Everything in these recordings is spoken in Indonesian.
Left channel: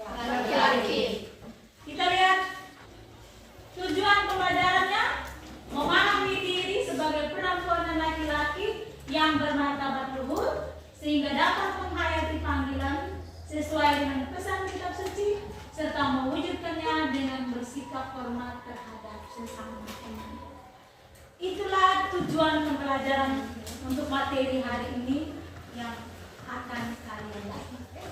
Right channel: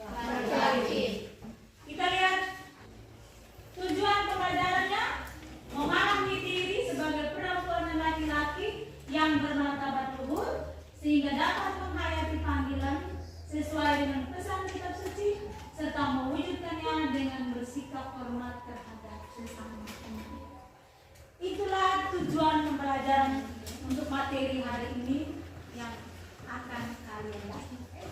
Laki-laki. Kita lihat tujuan pembelajarannya, memahami diri sebagai perempuan dan laki-laki yang bermartabat luhur sehingga dapat menghayati panggilan sesuai dengan pesan kitab suci serta mewujudkannya dengan bersikap hormat terhadap sesama teman. Itulah tujuan pembelajaran untuk materi hari ini yang akan kalian lakukan.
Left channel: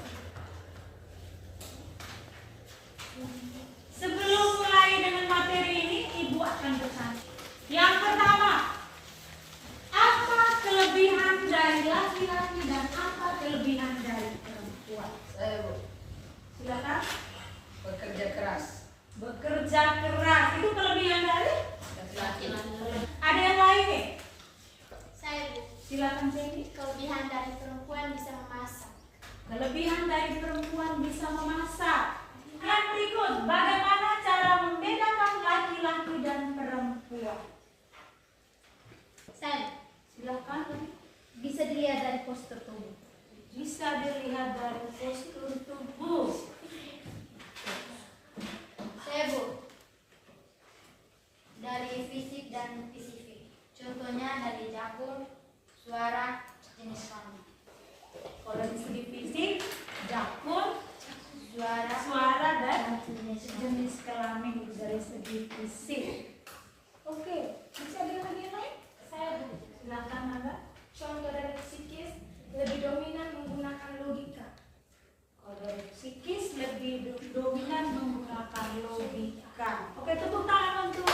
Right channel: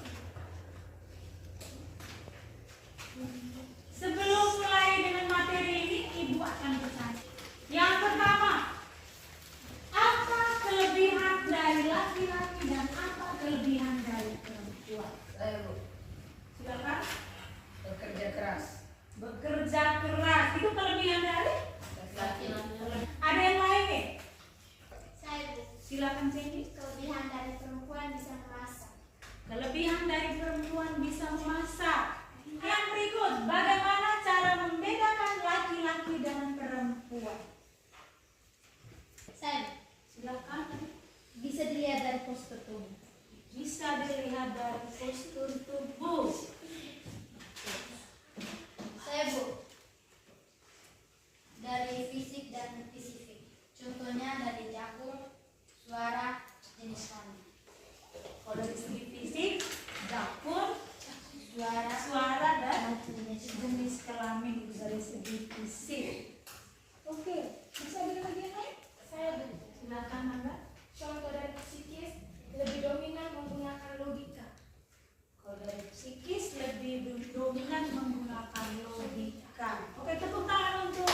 Sebelum mulai dengan materi ini, Ibu akan bertanya. Yang pertama, apa kelebihan dari laki-laki dan apa kelebihan dari perempuan? Saya, Bu. Silakan. Bekerja keras. Bekerja keras itu kelebihan dari Laki-laki. Ada yang lain nih? Saya, Bu. Silakan Jenny. Kelebihan dari perempuan bisa memasak. Kelebihan dari perempuan bisa memasak. Yang berikut, bagaimana cara membedakan laki-laki dan perempuan? Saya, Silakan. bisa dilihat dari postur tubuh. Bisa dilihat dari postur tubuh. Saya, Bu, dari fisik dan spesifik. Contohnya dari dapur, suara, jenis kelamin. Kalau dari segi fisik, dapur, Suara, dan jenis kelamin dari segi fisik. Oke, bisa dilihat lagi yang lain? Saya, Bu, Silakan Angga. contoh dari psikis lebih dominan menggunakan logika. Kalau dari psikis lebih dominan menggunakan logika. Oke, tepuk tangan untuk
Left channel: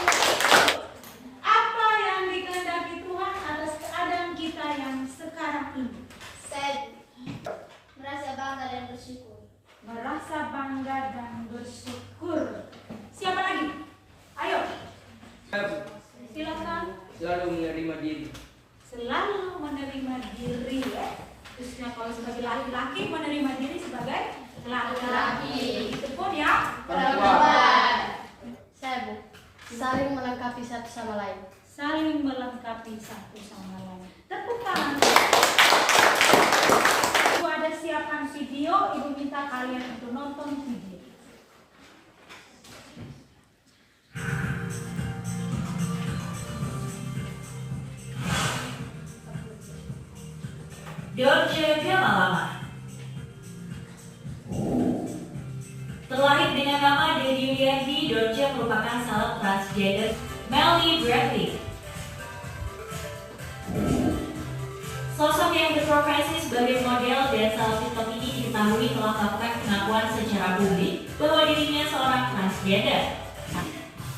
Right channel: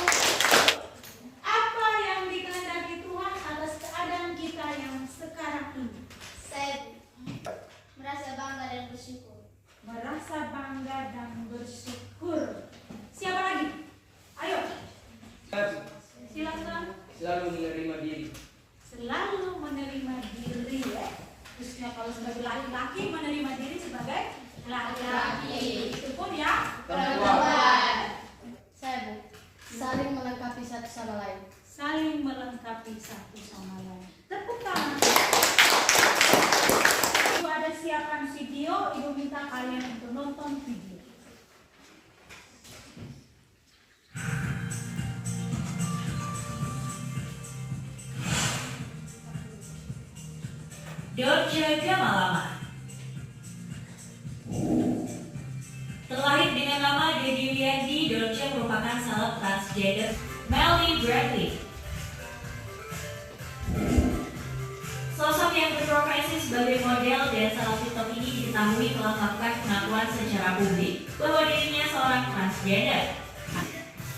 apa yang dikehendaki Tuhan atas keadaan kita yang sekarang ini. Saya merasa bangga dan bersyukur. Merasa bangga dan bersyukur. Siapa lagi? Ayo, silakan. Selalu menerima diri. Selalu menerima diri, ya. Khususnya kalau sebagai laki-laki menerima diri sebagai laki-laki. Itu pun ya Perempuan. Saya, Bu, saling melengkapi satu sama lain. saling melengkapi satu sama lain. Tepuk tangan. Ibu ada siapkan video, Ibu minta kalian untuk nonton video. Dorce Gamalama. Terlahir dengan nama Dedi Wiyanti, Dorce merupakan salep transgender Melanie Bradley. Sosok yang berprofesi sebagai model dan salep TikTok ini diketahui telah melakukan pengakuan secara publik bahwa dirinya seorang transgender.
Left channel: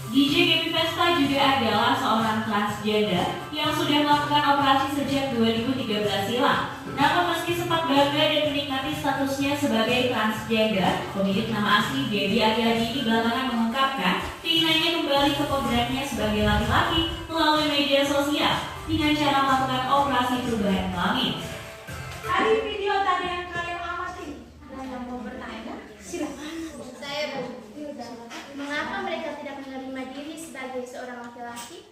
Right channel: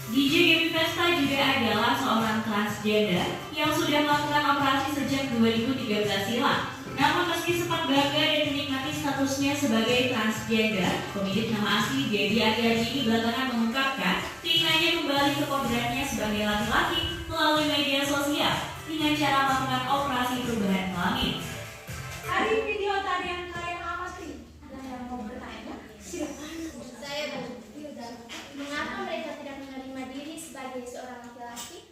DJ Gaby Pesta juga adalah seorang transgender yang sudah melakukan operasi sejak 2013 silam. Namun meski sempat bangga dan menikmati statusnya sebagai transgender, pemilik nama asli Gaby Ariadi ini belakangan mengungkapkan keinginannya kembali ke kodratnya sebagai laki-laki melalui media sosial dengan cara melakukan operasi perubahan kelamin. Dari video tadi yang kalian amati, ada yang mau bertanya? Silakan. Saya, Bu, mengapa mereka tidak menerima diri sebagai seorang laki-laki?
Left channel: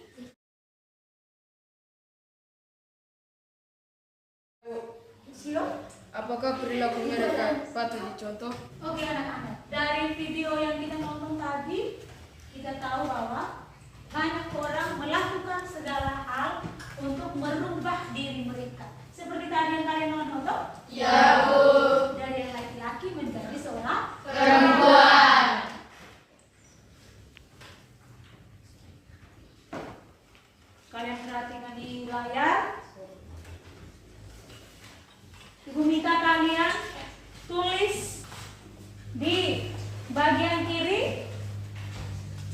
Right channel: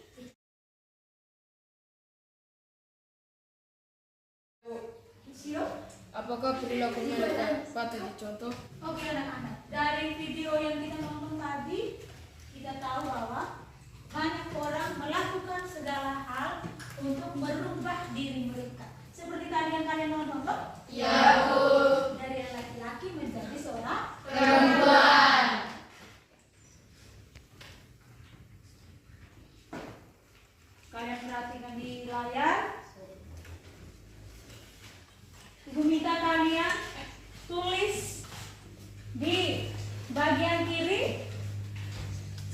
Apakah perilaku mereka patut dicontoh? Oke anak-anak, dari video yang kita nonton tadi, kita tahu bahwa banyak orang melakukan segala hal untuk merubah diri mereka. Seperti tadi yang kalian nonton, toh? Ya, Bu. Dari laki-laki menjadi seorang Perempuan. Kalian perhatikan di layar. Ibu minta kalian tulis di bagian kiri.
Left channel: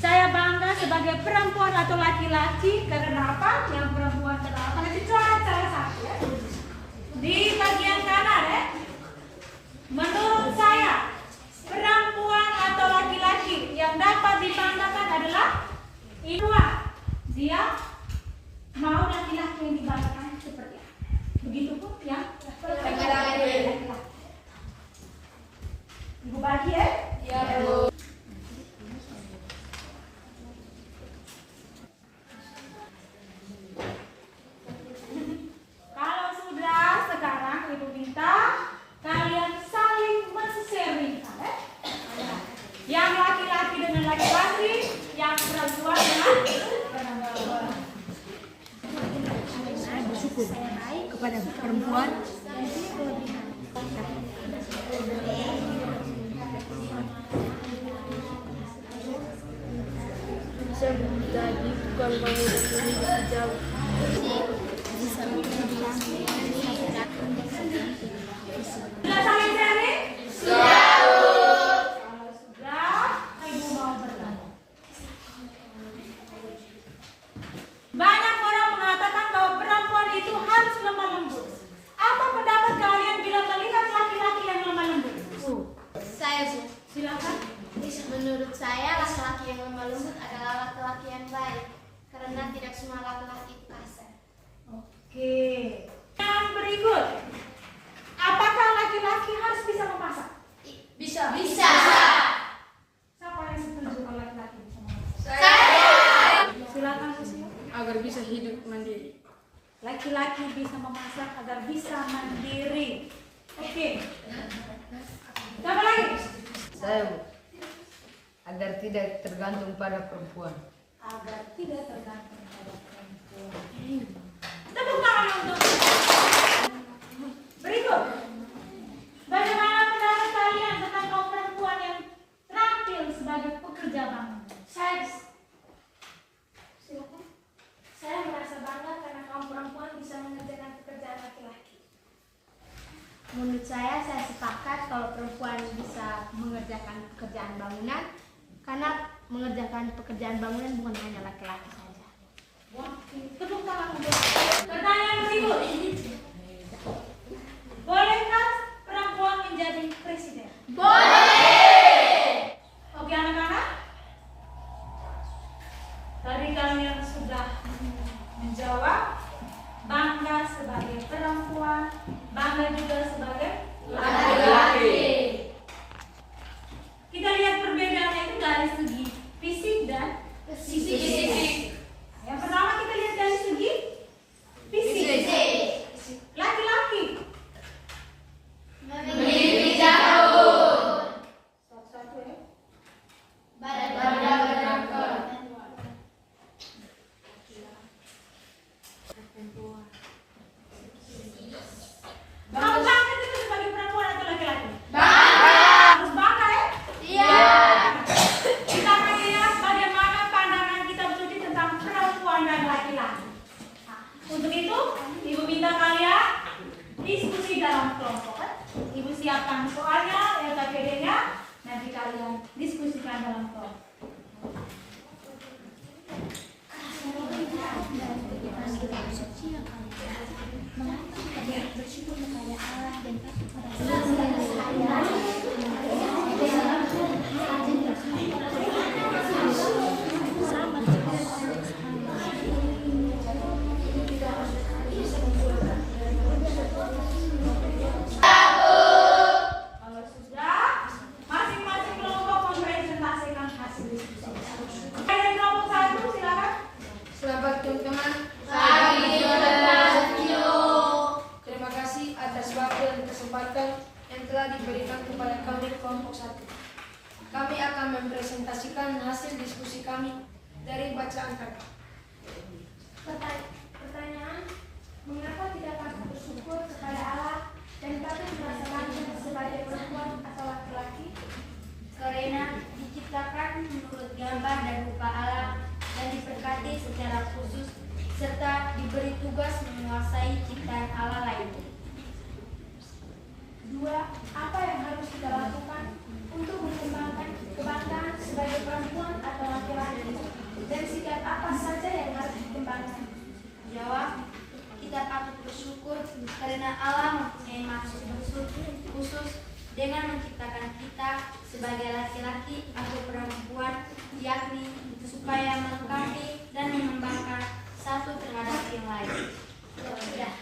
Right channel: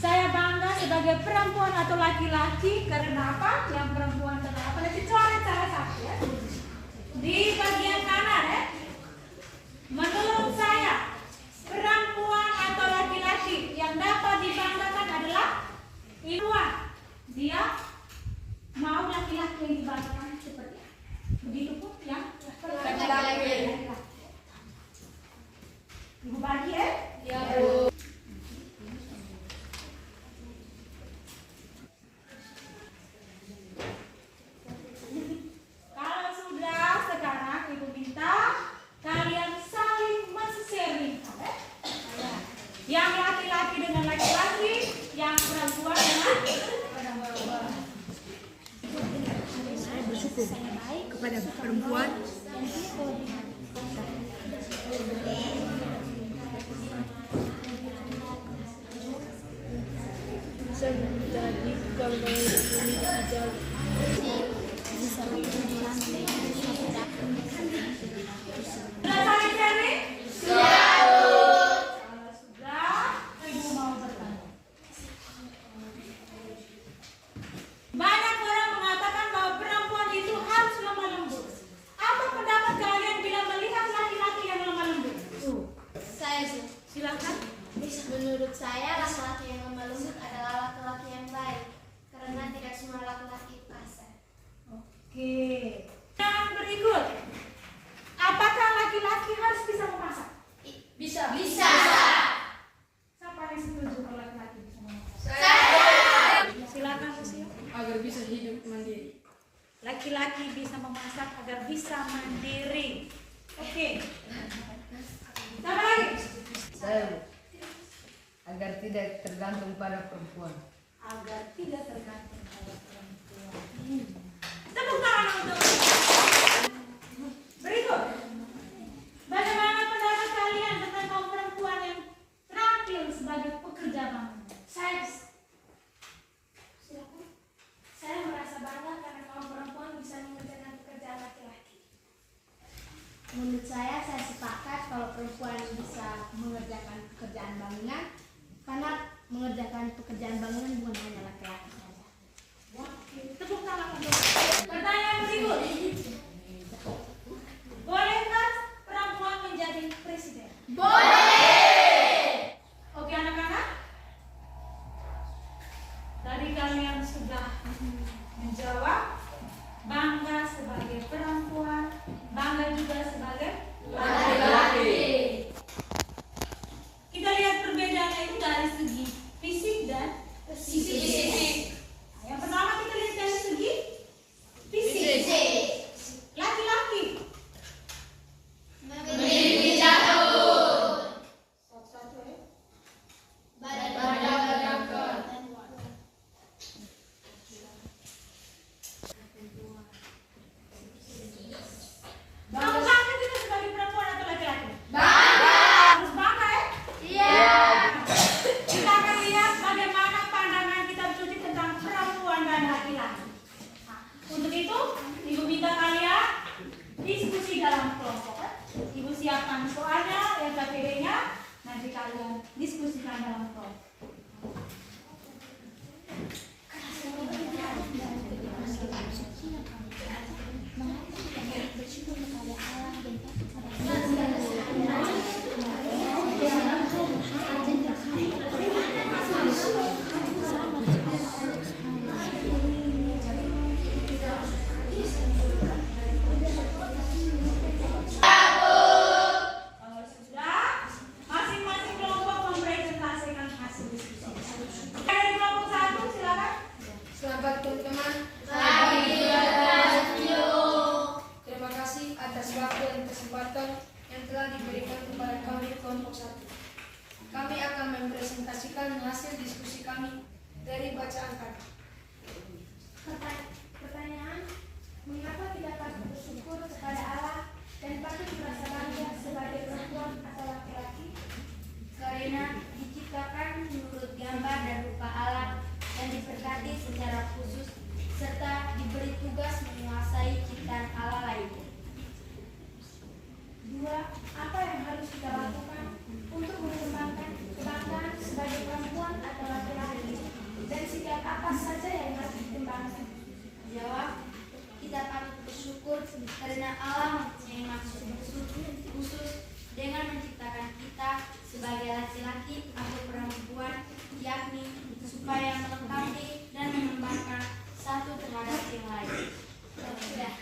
Saya bangga sebagai perempuan atau laki-laki karena apa? Yang perempuan kenapa? Nanti coret salah satu ya. Di bagian kanan ya. Menurut saya perempuan atau laki-laki yang dapat dibanggakan adalah Iwan. Dia mau laki-laki yang dibanggakan seperti apa? Begitupun yang laki-laki. Ibu bagi ya? Ya, Bu. Kalau sudah, sekarang Ibu minta kalian saling men-sharing. laki-laki, yang perempuan dengan Saya baik kepada perempuan. Jadi bukan bangunan ini dijam. sudah saling sharing? Kalau sudah, Ibu mau bertanya. Banyak orang mengatakan bahwa perempuan itu harus lemah lembut. Apa pendapat kalian bila melihat laki-laki yang lemah lembut? Saya Bu. Silakan. Menurut saya laki-laki yang lemah lembut adalah laki-laki yang baik karena tidak semua laki-laki kasar. Oke. Yang berikut. Apakah laki-laki harus bisa memasak? Bisa. Siapa yang setuju kalau laki-laki bisa memasak? Saya. Silakan Susi. Agar bisa hidup mandiri. Laki-laki bisa memasak agar bisa mandiri. Oke. Siapa lagi? Saya, Bu. Agar tidak tergantung pada perempuan. Agar tidak tergantung pada perempuan. Tepuk tangan untuk berikut. Bagaimana pendapat kalian tentang kaum perempuan yang terampil sebagai pekerja bangunan? Silakan. Saya merasa bangga karena kaum perempuan bisa mengerjakan pekerjaan laki-laki. Menurut saya sepakat kalau perempuan bisa mengerjakan pekerjaan bangunan karena mengerjakan pekerjaan bangunan bukan hanya laki-laki saja. Tepuk tangan untuk pertanyaan berikut. Bolehkah perempuan menjadi presiden? Boleh. Oke anak-anak. Tadi kalian sudah menjawab bangga sebagai perempuan, bangga juga sebagai laki-laki. Kita lihat perbedaannya itu dari segi fisik dan psikis. Yang pertama kita lihat dari segi fisik. Laki-laki Memiliki jauh. satu-satu ya. Kamu bangga kita sebagai perempuan atau laki-laki? Harus bangga ya? Iya. Kita akan lihat bagaimana pandangan kita bersuci tentang perempuan dan laki-laki. Nah, untuk itu, Ibu minta kalian diskusi dalam kelompok. Ibu siapkan soalnya, LKPD-nya, nanti kalian diskusikan dalam kelompok. Bersyukur kepada Allah dan Kalau sudah, masing-masing kelompok mempresentasikan hasil diskusi. Dari kelompok 1, silakan. Selamat teman-teman. Terima kasih atas waktu dan kesempatan yang telah diberikan kepada kami kelompok 1. Kami akan mempresentasikan hasil diskusi kami dari bacaan kami. Pertanyaan, mengapa kita patut bersyukur kepada Allah dan patut merasa bangga sebagai perempuan atau laki-laki? Karena diciptakan menurut gambar dan rupa Allah dan diberkati secara khusus serta diberi tugas menguasai ciptaan Allah lainnya. 2. Apa yang harus kita lakukan untuk mengembangkan kebanggaan sebagai perempuan atau laki-laki? Dan sikap apa saja yang harus dikembangkan? Jawab, kita patut bersyukur karena Allah mempunyai maksud khusus dengan menciptakan kita sebagai laki-laki atau perempuan, yakni supaya melengkapi dan mengembangkan satu terhadap yang lain. Sudah.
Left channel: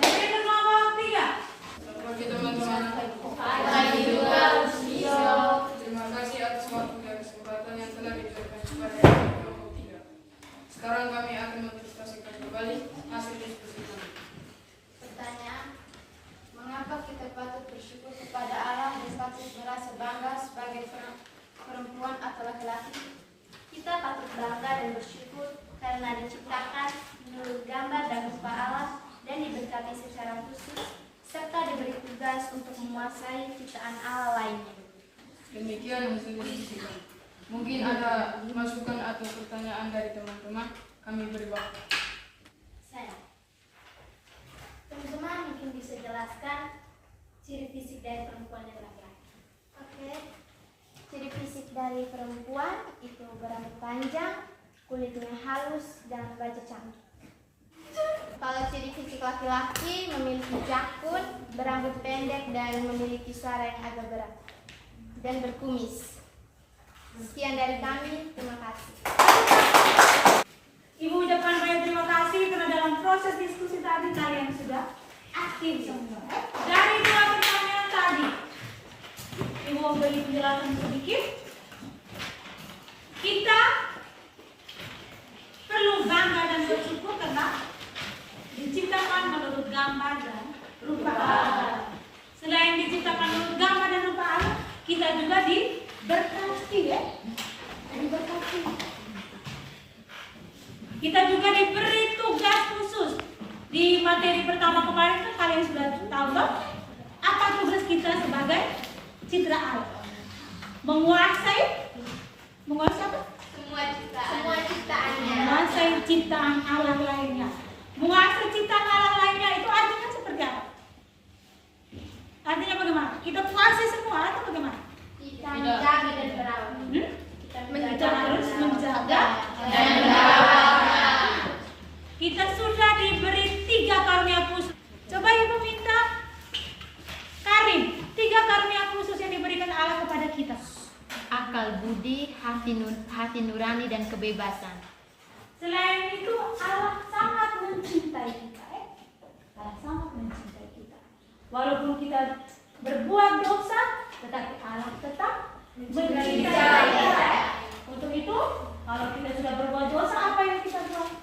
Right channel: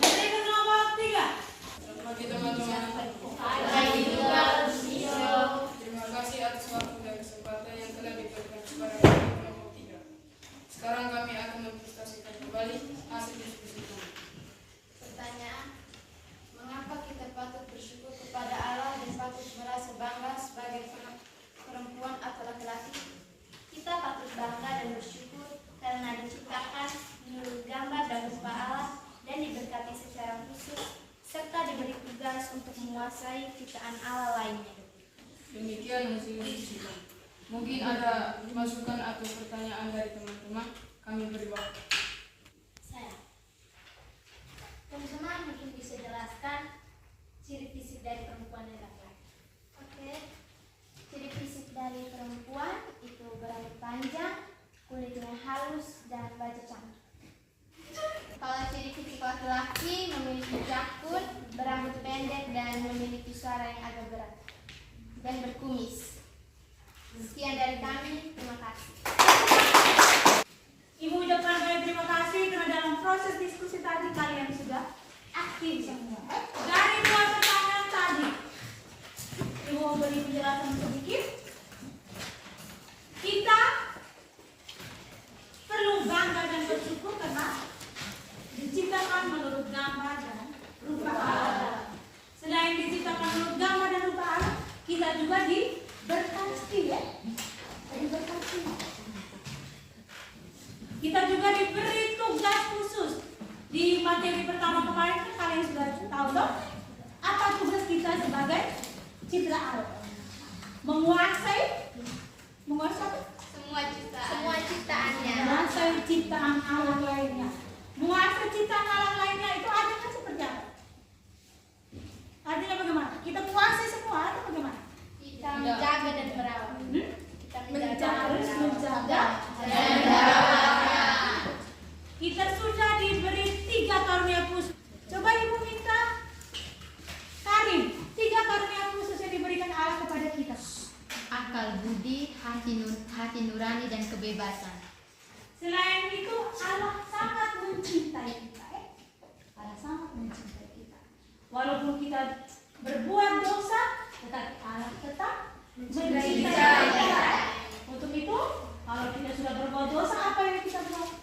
Nanti ke kelompok 3. Selamat pagi teman-teman. Terima kasih atas waktu dan kesempatan yang telah diberikan kepada kami kelompok 3. Sekarang kami akan mempresentasikan kembali hasil diskusi kami. Pertanyaan, mengapa kita patut bersyukur kepada Allah dan patut merasa bangga sebagai perempuan atau laki-laki, kita patut bangga dan bersyukur karena diciptakan menurut gambar dan rupa Allah dan diberkati secara khusus, serta diberi tugas untuk menguasai ciptaan Allah lainnya. Demikian hasil diskusi kami. Mungkin ada masukan atau pertanyaan dari teman-teman, kami beri waktu. Saya, teman-teman mungkin bisa jelaskan ciri fisik dari perempuan dan laki-laki. Oke, ciri fisik dari perempuan itu berambut panjang, kulitnya halus, dan wajah cantik. Kalau ciri fisik laki-laki memiliki jakun, berambut pendek, dan memiliki suara yang agak berat, dan berkumis. Sekian dari kami, terima kasih. Ibu ucapkan banyak terima kasih karena dalam proses diskusi tadi kalian sudah aktif semua. Dari 2 pertanyaan tadi, Ibu mau beri penjelasan sedikit. Kita perlu bangga dan bersyukur karena diciptakan menurut gambar dan rupa Allah. Selain diciptakan menurut gambar dan rupa Allah, kita juga diberkati ya. Diberkati. Kita juga diberi tugas khusus. Di materi pertama kemarin kan kalian sudah tahu dong apa tugas kita sebagai citra Allah. Menguasai apa? Semua ciptaannya. Menguasai ciptaan Allah lainnya. Menguasai ciptaan Allah lainnya itu artinya seperti apa? Artinya bagaimana? Kita kuasai semua atau bagaimana? Kita menjaga dan merawat. Kita harus menjaga dan kita sudah diberi 3 karunia khusus. Coba Ibu minta Karim, 3 karunia khusus yang diberikan Allah kepada kita. Akal budi, hati nurani, dan kebebasan. Selain itu Allah sangat mencintai kita. Allah sangat mencintai kita. Walaupun kita berbuat dosa, tetapi Allah tetap mencintai kita. Untuk itu, kalau kita sudah berbuat dosa, apa yang kita buat?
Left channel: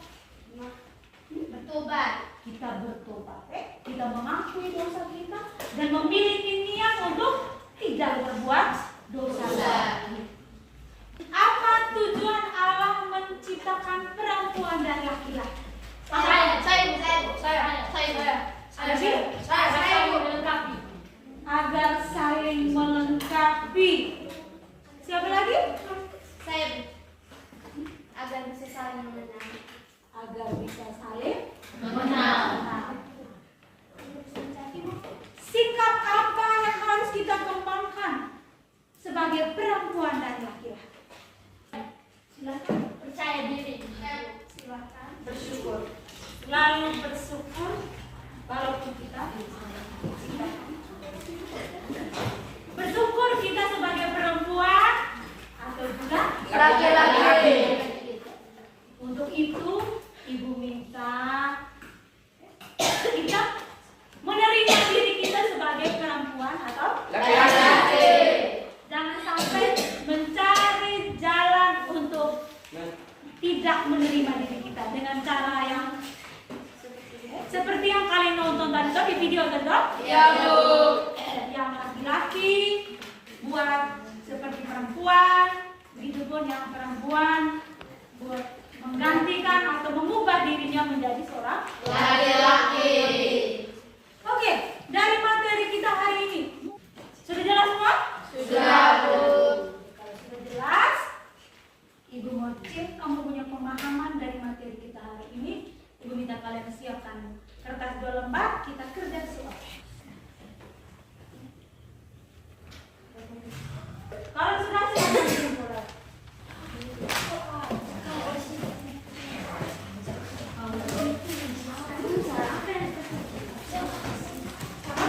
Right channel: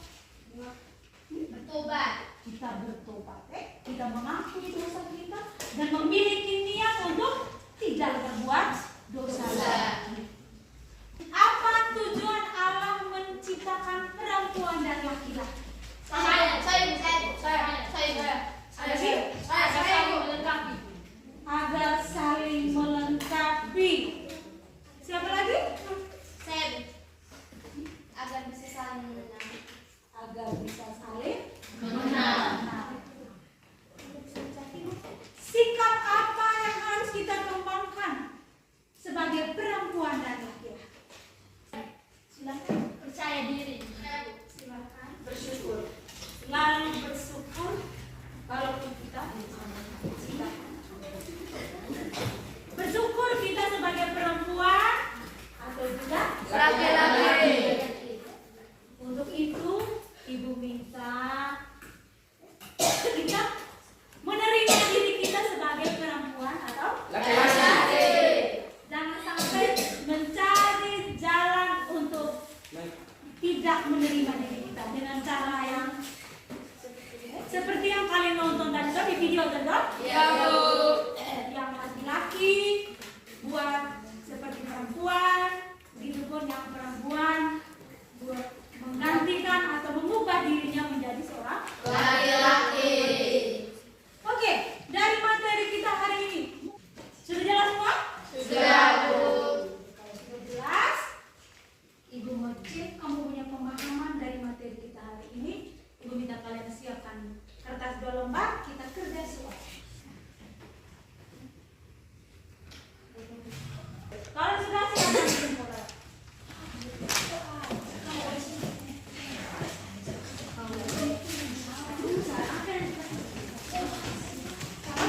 Bertobat. Kita bertobat, kita mengakui dosa kita dan memiliki niat untuk tidak berbuat dosa. Apa tujuan Allah menciptakan perempuan dan laki-laki? Agar saling melengkapi. Siapa lagi? Agar bisa saling mengenal. Agar bisa saling Mengenal. Sikap apa yang harus kita kembangkan sebagai perempuan dan laki-laki? Silakan. Percaya diri. Silakan. Bersyukur. Lalu bersyukur walaupun kita bersyukur kita sebagai perempuan atau juga Laki-laki. Untuk itu Ibu minta kita menerima diri kita sebagai perempuan atau Laki-laki. jangan sampai mencari jalan untuk tidak menerima diri kita dengan cara yang seperti yang kalian nonton tadi di video tadi. Ya, Bu. Yang laki-laki buat seperti perempuan, begitupun yang perempuan buat menggantikan atau mengubah dirinya menjadi seorang Laki-laki. Oke, dari materi kita hari ini sudah jelas semua? Sudah, Bu. Kalau sudah jelas, Ibu mau cek kamu punya pemahaman dari materi kita hari ini. Ibu minta kalian siapkan kertas 2 lembar, kita kerja soal. Kalau sudah silakan mulai.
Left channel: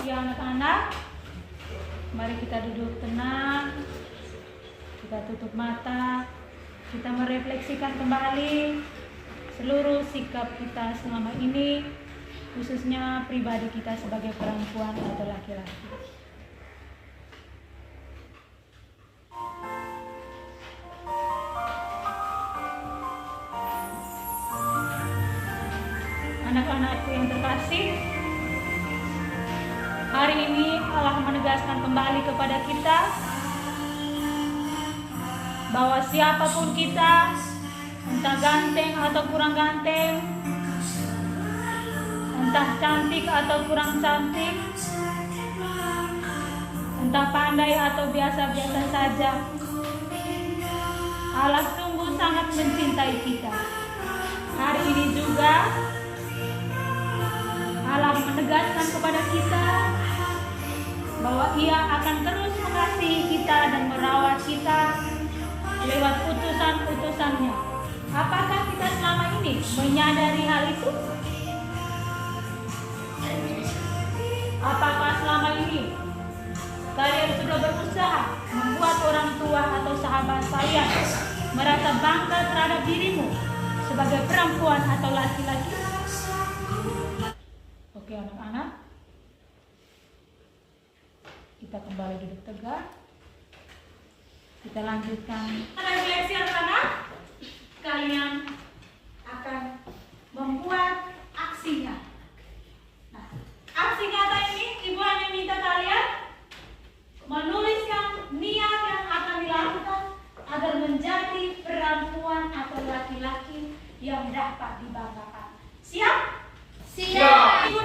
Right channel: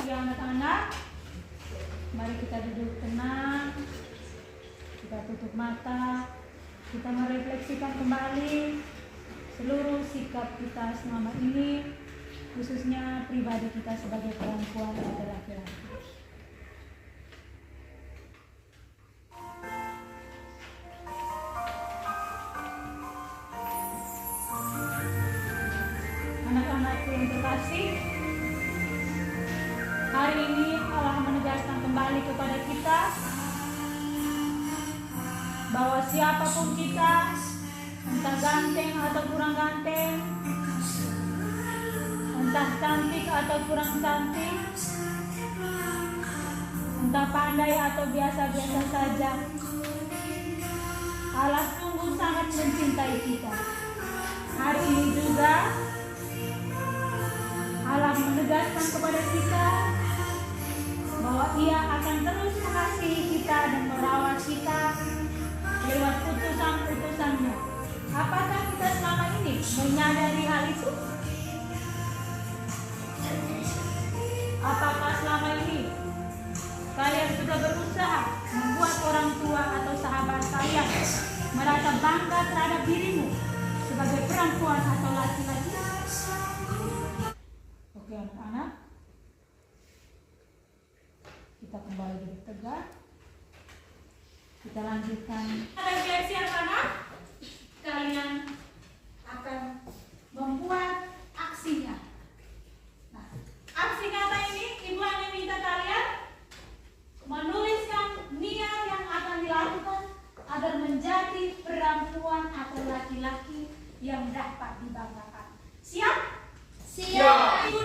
Ya anak-anak, mari kita duduk tenang, kita tutup mata, kita merefleksikan kembali seluruh sikap kita selama ini, khususnya pribadi kita sebagai perempuan atau laki-laki. Anak-anakku yang terkasih, hari ini Allah menegaskan kembali kepada kita bahwa siapapun kita, entah ganteng atau kurang ganteng, entah cantik atau kurang cantik, entah pandai atau biasa-biasa saja, Allah sungguh sangat mencintai kita. Hari ini juga Allah menegaskan kepada kita bahwa Ia akan terus mengasihi kita dan merawat kita lewat utusan-utusannya. Apakah kita selama ini menyadari hal itu? Apakah selama ini kalian sudah berusaha membuat orang tua atau sahabat kalian merasa bangga terhadap dirimu sebagai perempuan atau laki-laki? Oke anak-anak, kita kembali duduk tegak. Kita lanjutkan refleksi anak-anak. Kalian akan membuat aksi nyata. Nah, aksi nyata ini Ibu hanya minta kalian menuliskan niat yang akan dilakukan agar menjadi perempuan atau laki-laki yang dapat dibanggakan. Siap? Siap. Ibu